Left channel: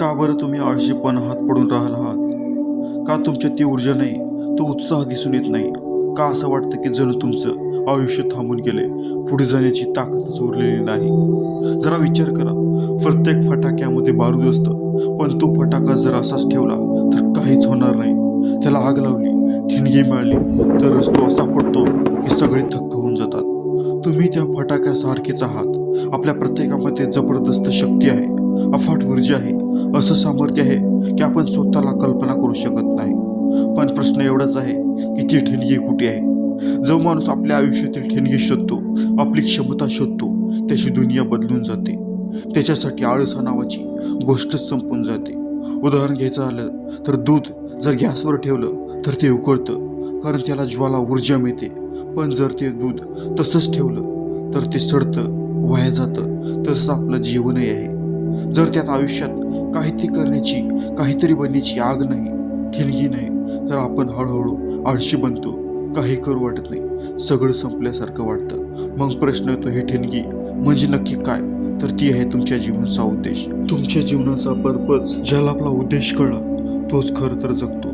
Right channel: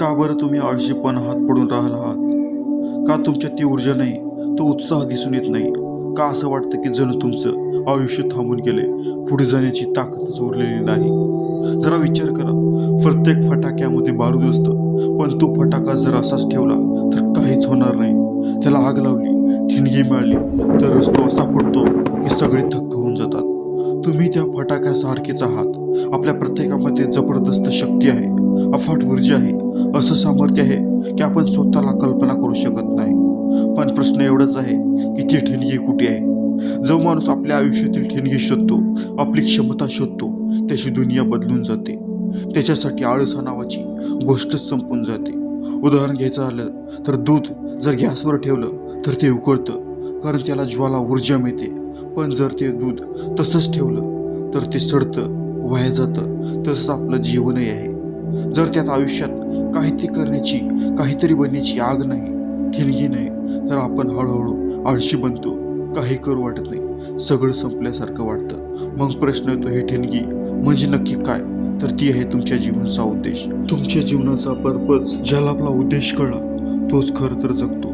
का बरं तुम्ही आळशीपण हात पडून राहिला आहात? का तुमच्या ती ऊर्जा नाही तो उत्साह दिसून येत नाही? का असं वाटतं की जणू तुमचं आयुष्य थांबून गेले पुढे जाण्याची ताकदच उरलेली नाही? जरा विचार करा. प्रत्येक फटाक्यामध्ये बारूद असतं पण तो फटाका जर असाच ठेवला तर काहीच होणार नाही. त्याला आग लावली ठिणगी मिळाली तरच तो असा फुटतो की सगळे थक्क होऊन जातात. तुम्ही त्या फटाक्यासारखेच आहात. आपल्या प्रत्येकामध्ये जबरदस्त शक्ती आहे. अफाट ऊर्जा आहे. असं सामर्थ्य आहे की आपण स्वतःला कल्पना करू शकत नाही. पण प्रश्न एवढाच आहे की ती ठिणगी कुठे आहे? जो माणूस आपल्या आयुष्यातील ठिणगी शोधतो आपली क्षमता शोधतो त्याची दुनिया बदलून जाते. त्याच्यासाठी आळसा नावाची गोष्टच संपून जाते. उदाहरण घ्यायचं झालं तर दूध जर गॅसवर ठेवलं तर ते उकळतं कारण त्याला ज्वाला ऊर्जा मिळते. पण जर ते दूध तसंच ठेवलं तर ते सडतं वाया जातं तसंच आपलं जीवनही आहे. जर त्यात आयुष्यात काहीतरी करण्याची काहीतरी बनण्याची आग नाही ठिणगी नाही तर आपण हळूहळू आळशी बनतो काही करू वाटत नाही. सगळं संपल्यासारखं वाटतं. मग प्रश्न येतो ही ठिणगी म्हणजे नक्की काय? तर ती आहे तुमच्या जीवनाचा उद्देश. तुमच्या जीवनाचा पर्पज ज्याला आपला उद्देश कळला तोच खरं तर जगतो.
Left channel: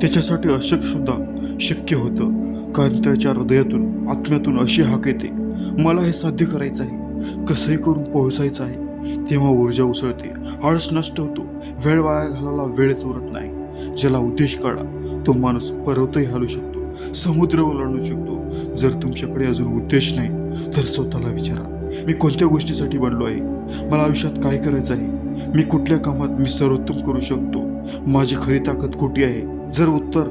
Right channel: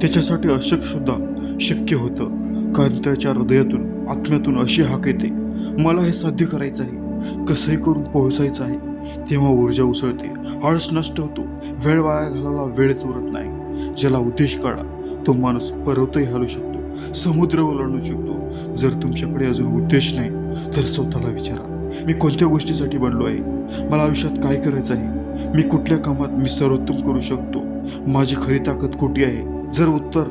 त्याच्यासाठी अशक्य सुद्धा शक्य होतं. कांत्याच्या हृदयातून आत्म्यातून अशी हाक येते मला हे साध्य करायचं आहे. कसंही करून पोहोचायचं आहे. तेव्हा ऊर्जा उसळते. आळस नष्ट होतो. वेळ वाया घालायला वेळच उरत नाही. ज्याला उद्देश कळला तो माणूस पर्वतही हलू शकतो. समुद्र ओलांडू शकतो. जर तुमच्याकडे अजून उद्देश नाही तर स्वतःला विचारा. मी कोणत्या गोष्टीसाठी बनलो आहे? मला आयुष्यात काय करायचं आहे? मी कुठल्या कामात मी सर्वोत्तम करू शकतो? माझी खरी ताकद कुठे आहे? जर उत्तर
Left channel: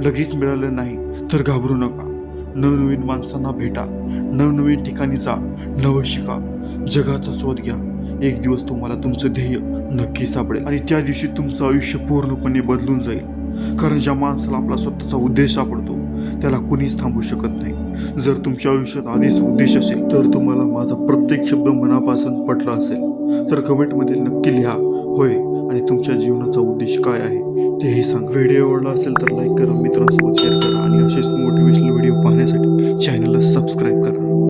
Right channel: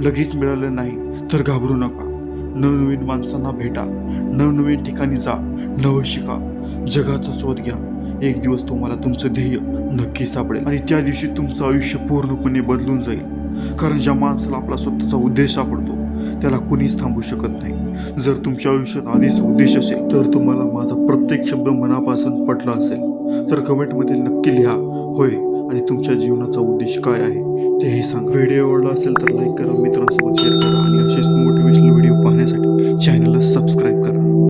लगेच मिळालं नाही तर घाबरू नका. नवनवीन माणसांना भेटा. नवनवीन ठिकाणी जा. नवं शिका. जगाचा शोध घ्या. एक दिवस तुम्हाला तुमचं ध्येय नक्की सापडेल आणि त्या दिवशी तुमचं आयुष्य पूर्णपणे बदलून जाईल. कारण ज्या माणसाला आपला स्वतःचा उद्देश सापडतो त्याला कुणीच थांबू शकत नाही. जर तुमच्या आयुष्यात आधीच उद्देश असेल तर तुम्हाला माझा प्रत्येक शब्द मनापासून पटला असेल. तर कमेंटमध्ये नक्की लिहा. होय आणि तुमच्या जीवनाचा उद्देश काय आहे तेही सांग. व्हिडिओ आवडला असेल तर लाईक करा मित्रांसोबत शेअर करा आणि असेच मोटिवेशनल व्हिडिओ पाहण्यासाठी चॅनलला सबस्क्राईब करा.